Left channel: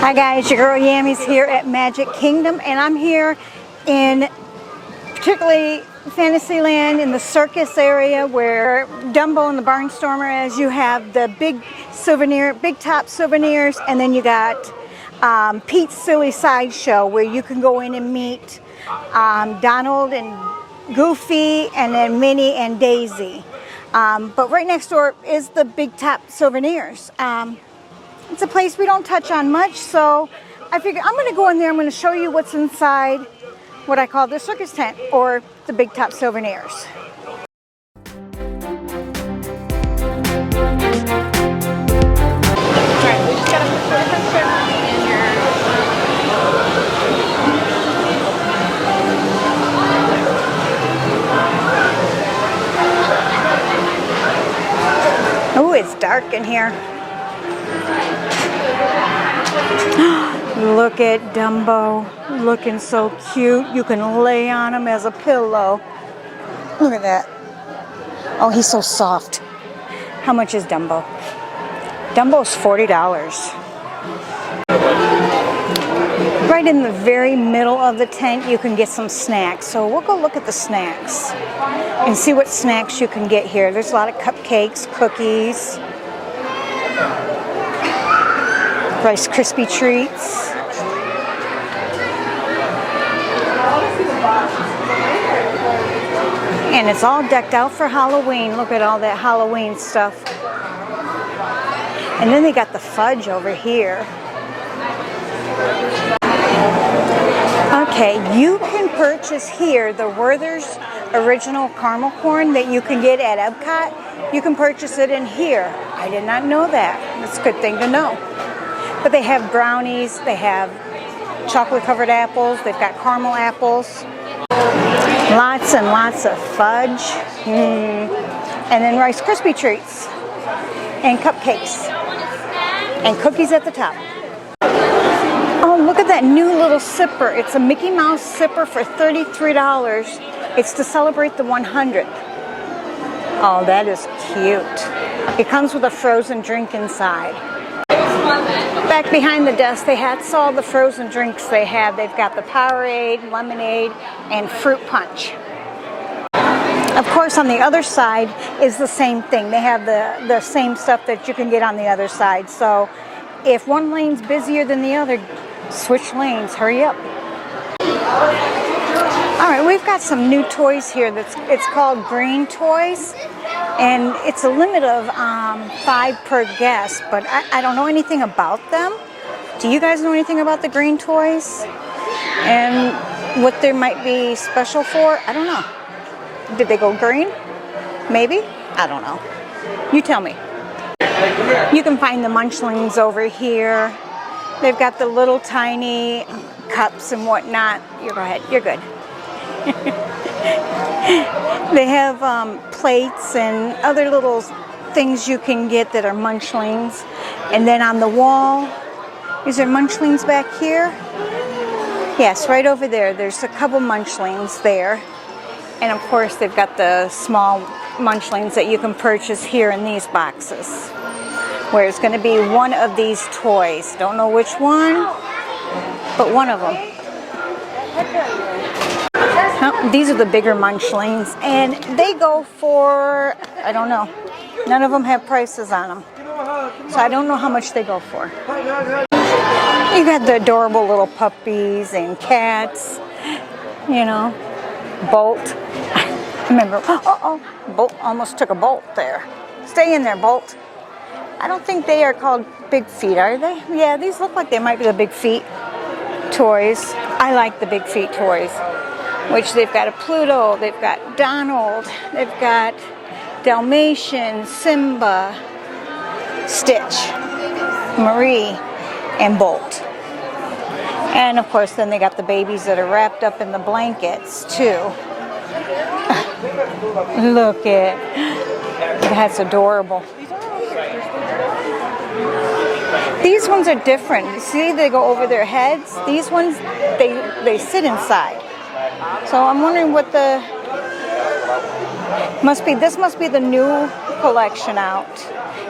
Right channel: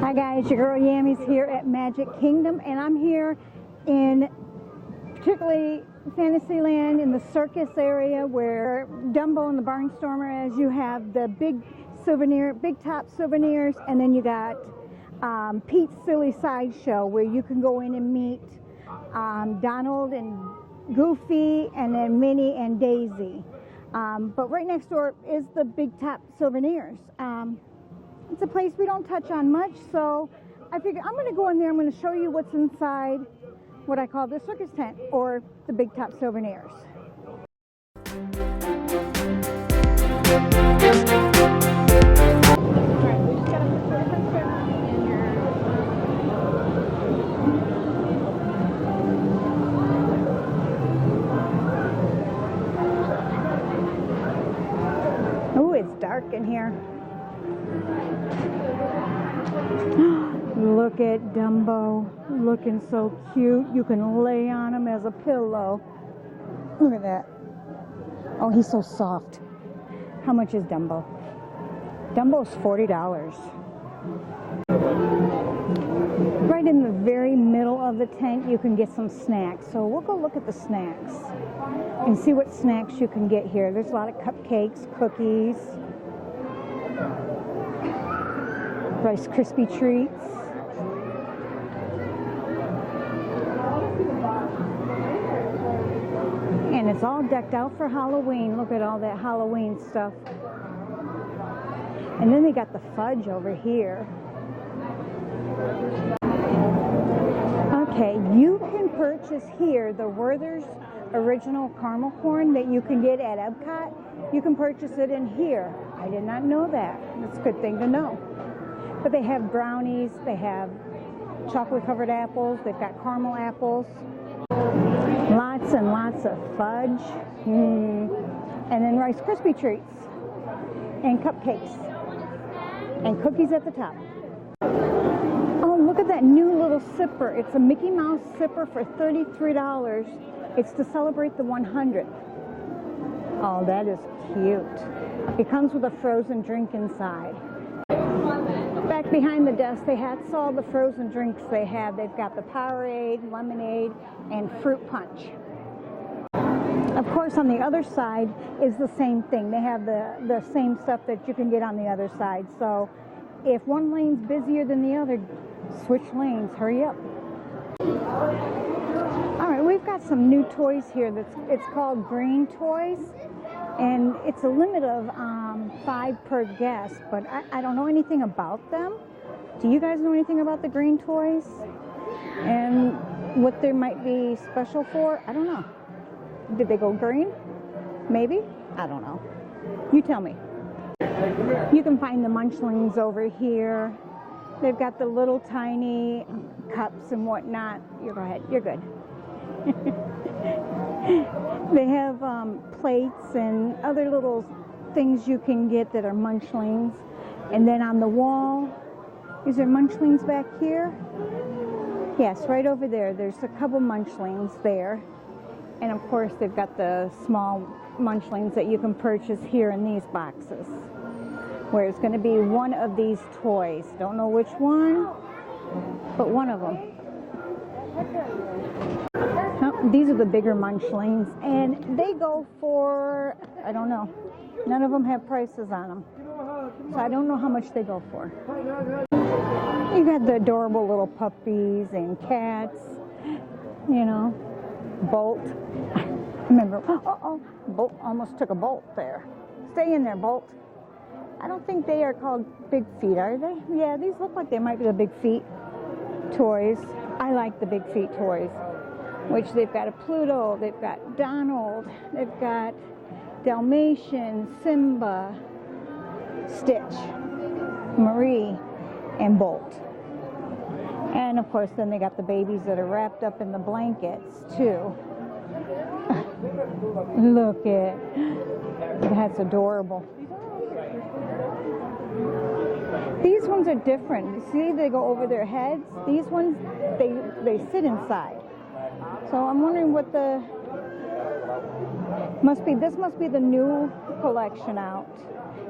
Hi guys, your girl Yammy's here at Magic Kingdom, and I'm here in particularly Fantasyland in the circus area where Dumbo and the Barnstormer is. You have the big top souvenirs, and then you got Pete's Silly Sideshow where you can go in and meet Donald and Goofy and then Minnie and Daisy. But right next door is the big top souvenirs. It's a place we don't touch on much, so I figured I'm going to go in there. I'm going to show you what's inside what I call the circus tent or the big top souvenirs. Oh, it's dark in here. Look at Dumbo, looking so cute. You can lay on him as a pillow. Look at that. Oh, he's so soft. How much is Dumbo? Dumbo's $40. Right in the very middle of the tent, you can get some snacks. So we'll go look at the snacks and see what snacks you can get here. There's a lot of cupcakes, cookies, Rice Krispie treats. And it's all decked out for Halloween. Look at all that Halloween stuff. And then they got the fudge over here. Okay, you can purchase here the Werther's original caramel corn that you can get at Epcot. You can purchase it in here. I did not know that. That's a good thing to know. But they have brownies, they have chocolate covered apples, they've got caramel apples. Lots and lots of fudge. And then Rice Krispie treats. And cupcakes. And cookies at the top. Oh, look at that new little sipper. It's a Mickey Mouse sipper for $33. It's to celebrate the 100th. Oh, that is cute. It comes with a frozen drink inside. Back behind the desk, they had all the frozen drinks they have. They've got the Powerade, lemonade, and fruit punch. Of course, on the other side is the same thing. They have the same stuff that you can get on the other side. So if one lane's busier than the other, switch lanes, hurry up. All right, we've got some new toys here. It's called Green Toys. And it's a limit of 5 per guest, but I don't know anything about them. Do you guys know anything about the green toys? And what they might be special for? I don't know. Did they go green? Maybe? I don't know. You tell me. You can find the Munchlings over here. They've got the little tiny cups and whatnot. You go ahead. You're good. They have plates and other little things you can get that are Munchlings. And then on the wall, is there Munchlings back here? Yes, right over there. There's a couple Munchlings there. And of course, they've got the small Munchlings that you can purchase here in these boxes, where it's going to be one of these toys. Don't know which one, but one of them. These are the bigger Munchlings, and they go for, I don't know. None of them have prices on them. So I don't know how much they go for. You got the adorable little puppies and cats, you know. Bolt. Remember, Bolt almost took a bolt there. Stay in there, Bolt. I don't think they are called Big Feet, are they? Yeah, these look like they might be the Big Feet toys. I like the Big Feet toys, which they've got a Pluto, they've got Donald, they've got Dalmatian, Simba, Stitch, Marie, and Bolt. And of course, then they got the babies that are wrapped up in the blankets too. Look at, that's adorable. These ones are different. See, they go over their heads. These ones, they sit inside. So I'm wondering what the, this must be the new collection out.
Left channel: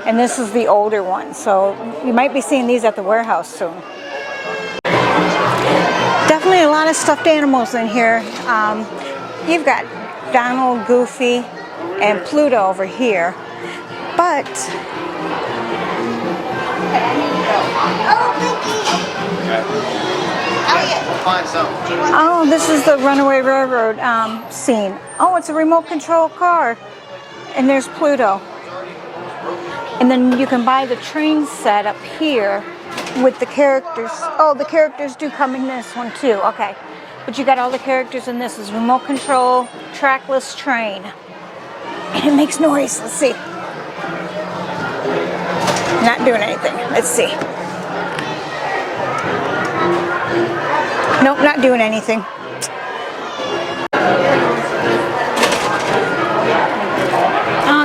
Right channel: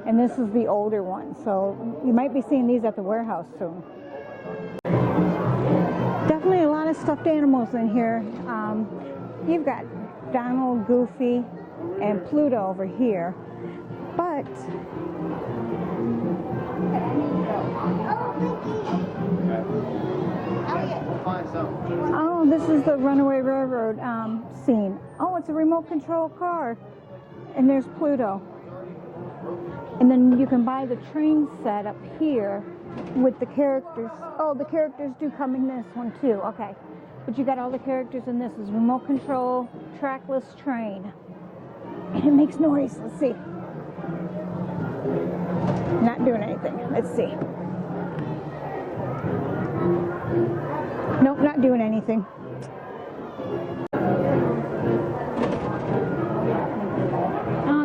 And this is the older one. So you might be seeing these at the warehouse soon. Hey, a lot of stuffed animals in here. You've got Donald, Goofy, and Pluto over here. But oh, this is the Runaway Railroad scene. Oh, it's a remote control car. And there's Pluto. And then you can buy the train set up here with the characters. Oh, the characters do come in this one too. Okay. But you got all the characters in this. Is remote control, trackless train. And it makes noise. Let's see. Not doing anything. Let's see. Nope, not doing anything.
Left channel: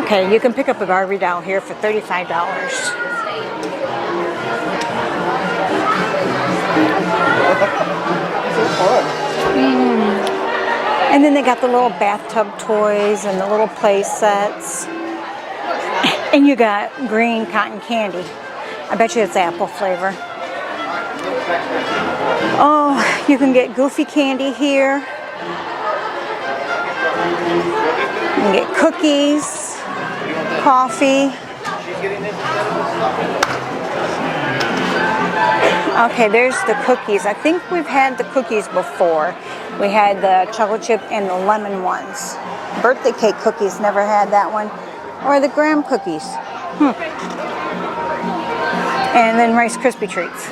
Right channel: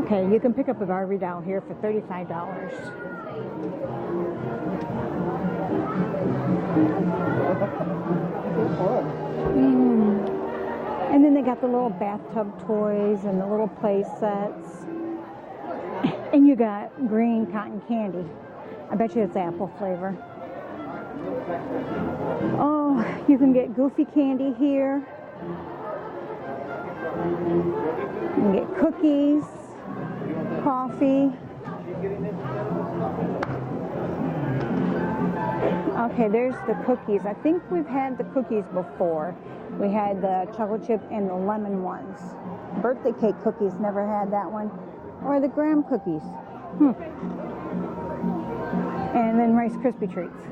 Okay, you can pick up a Barbie doll here for $35. And then they got the little bathtub toys and the little play sets. And you got green cotton candy. I bet you it's apple flavor. Oh, you can get Goofy candy here. You can get cookies, coffee. Okay, there's the cookies. I think we've had the cookies before. We had the chocolate chip and the lemon ones. Birthday cake cookies, never had that one. Or the graham cookies. And then Rice Krispie treats.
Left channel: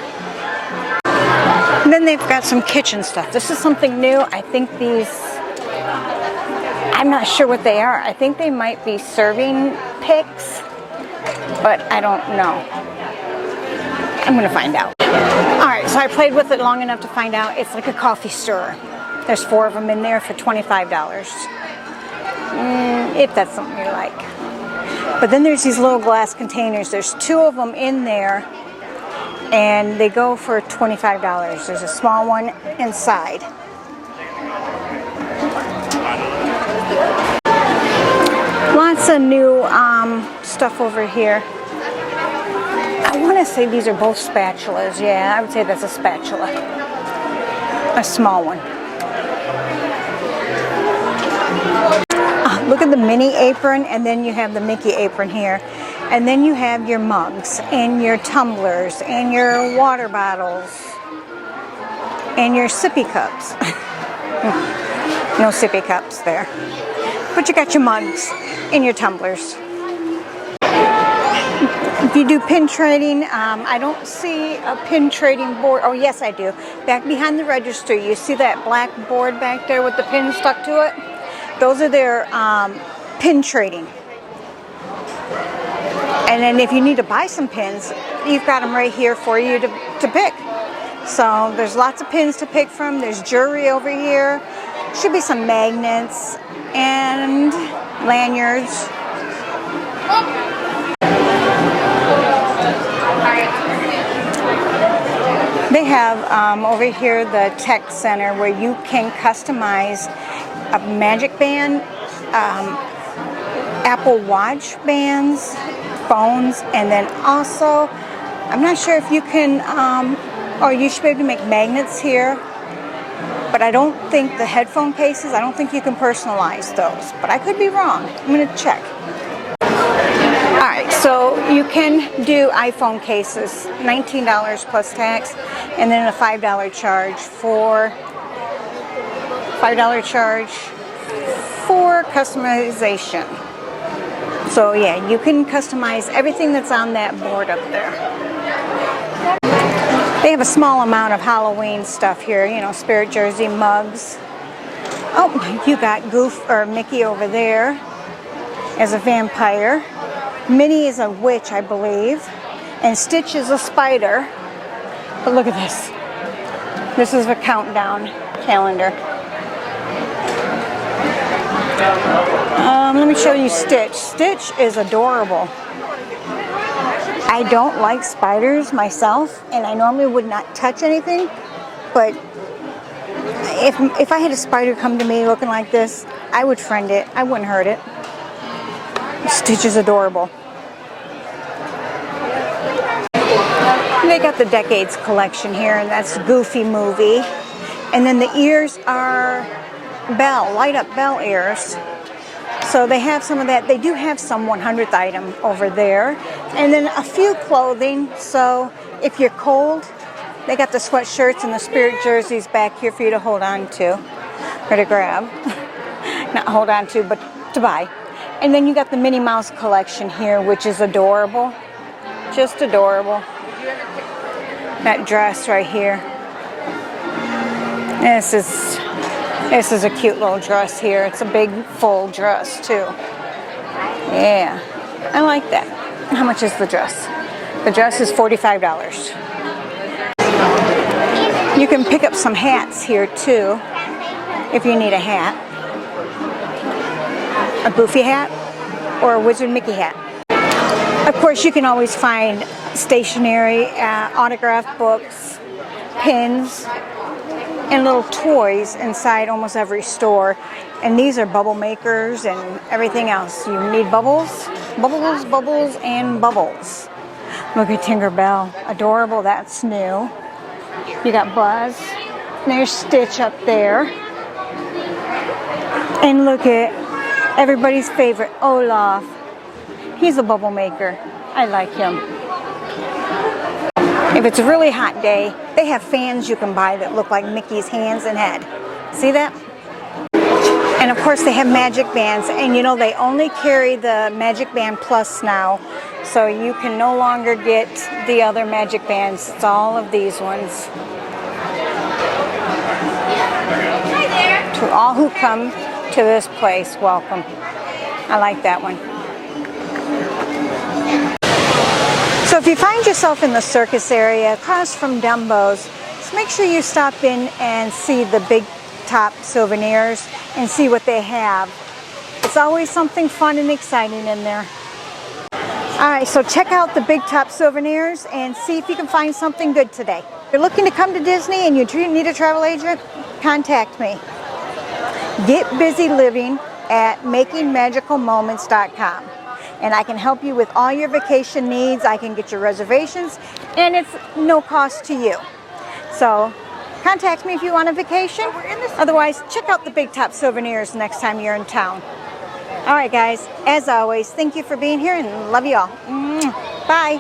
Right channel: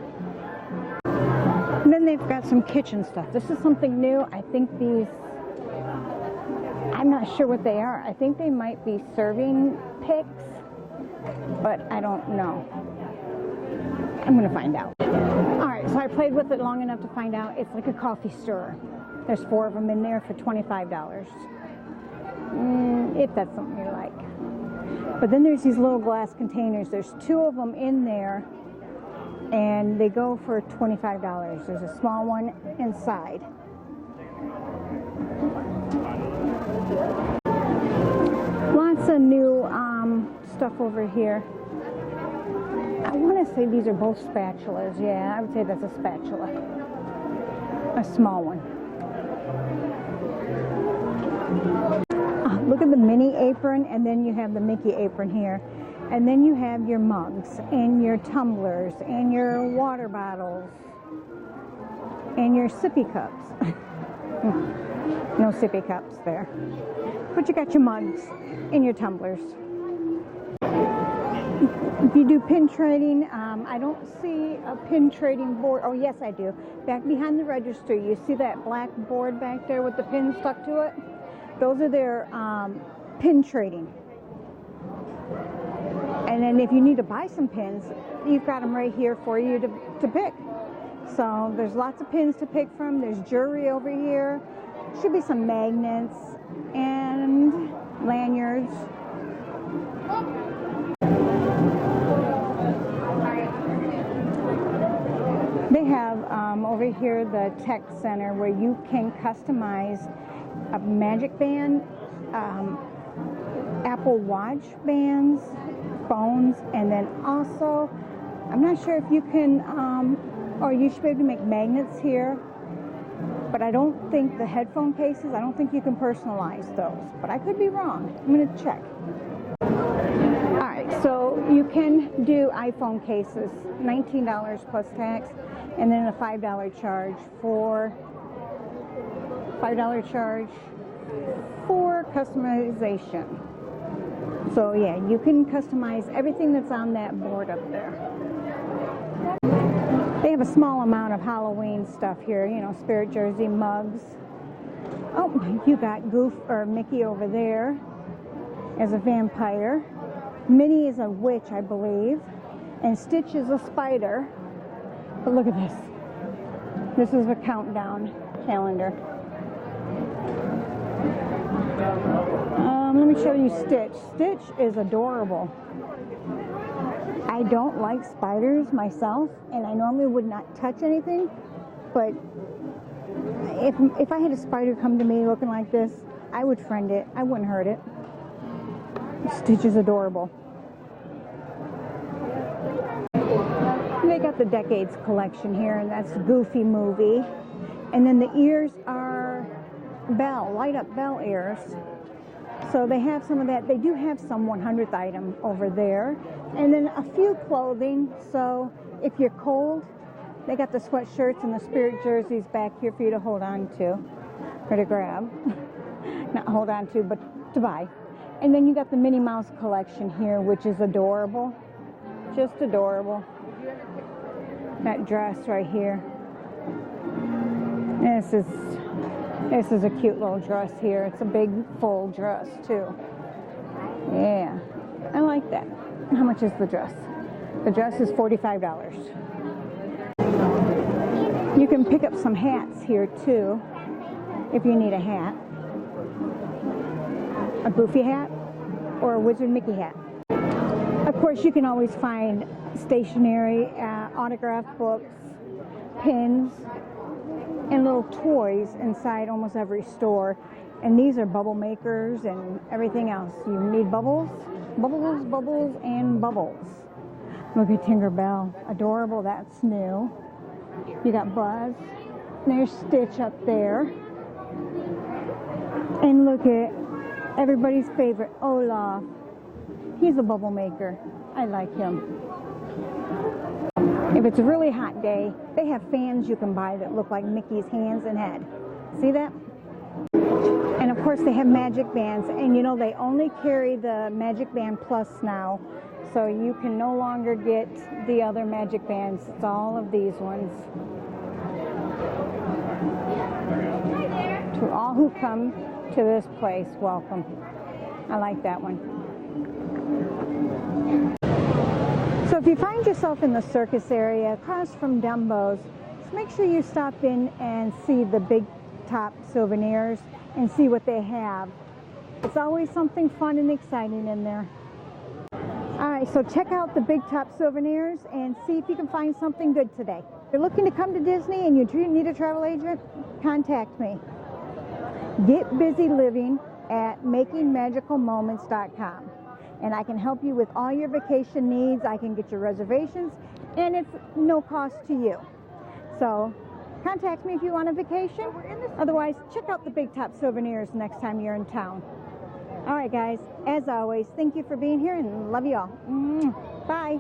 And then they've got some kitchen stuff. This is something new. I think these, I'm not sure what they are. I think they might be serving picks, but I don't know. I'm gonna find out. All right, so I played with it long enough to find out it's like a coffee stirrer. There's 4 of them in there for $25. If that's something you like. But then there's these little glass containers. There's 2 of them in there, and they go for $25. There's a small one inside. Lots of new stuff over here. I want to say these are both spatulas. Yeah, I would say that's a spatula. A small one. Look at the Minnie apron, and then you have the Mickey apron here. And then you have your mugs, and your tumblers, and your water bottles, and your sippy cups. No sippy cups there. But you got your mugs and your tumblers. If you do pin trading, I don't see a pin trading board. Oh, yes, I do. Back behind the register, you see that black board back there with the pins stuck to it? Those are their pin trading. And then if you need to buy some pins, you've got them right here for you to pick. So there's lots of pins to pick from. There's jewelry over here. Should be some magnets and lanyards. They have over here the tech center where you can customize a magic band, Apple Watch bands, phones, and then also, I'm not sure if you can, or you should be able to make magnets here, but I don't think the headphone cases, I don't think you can personalize those, but I could be wrong. I'm going to check. All right, so you can do iPhone cases, $19 plus tax, and then a $5 charge for customization. So yeah, you can customize everything that's on that board up there. They have a small amount of Halloween stuff here, you know, Spirit Jersey mugs. Oh, you got Mickey over there as a vampire. Minnie is a witch, I believe. And Stitch is a spider. But look at this. This is a countdown calendar. Let me show you Stitch. Stitch is adorable. I don't like spiders myself, and I normally would not touch anything, but if I had a spider come to me looking like this, I would friend it. I wouldn't hurt it. Stitch is adorable. They got the Decades collection here, and that's Goofy movie. And then the ears are bell, light up bell ears. So they have some of that. They do have some 100th item over there. And then a few clothing. So if you're cold, they got the sweatshirts and the spirit jerseys back here for you to hold on to or to grab. Not hold on to, but to buy. And then you got the Minnie Mouse collection here, which is adorable. Just adorable. That dress right here. This is a cute little dress here. It's a big full dress too. Yeah, I like that. How much is the dress? The dress is $45. You can pick up some hats here too, if you need a hat. A Goofy hat or a Wizard Mickey hat. Of course, you can always find stationery, autographed books, pins, and little toys inside almost every store. And these are bubble makers and everything else. You need bubbles, bubbles, bubbles, and bubbles. Look at Tinkerbell. Adorable. That's new. You got Buzz. There's Stitch up there. And look at everybody's favorite, Olaf. He's a bubble maker. I like him. If it's a really hot day, they have fans you can buy that look like Mickey's hands and head. See that? And of course they have magic bands, and you know they only carry the Magic Band Plus now, so you can no longer get the other magic bands. It's all of these ones. Hi there. To all who come to this place, welcome. I like that one. So if you find yourself in the circus area across from Dumbo's, just make sure you stop in and see the Big Top Souvenirs and see what they have. It's always something fun and exciting in there. All right, so check out the Big Top Souvenirs and see if you can find something good today. If you're looking to come to Disney and you need a travel agent, contact me. GetBusyLiving at makingmagicalmoments.com. And I can help you with all your vacation needs. I can get your reservations, and it's no cost to you. So contact me if you want a vacation. Otherwise, check out the Big Top Souvenirs next time you're in town. All right, guys, as always, thank you for being here and love you all. Bye.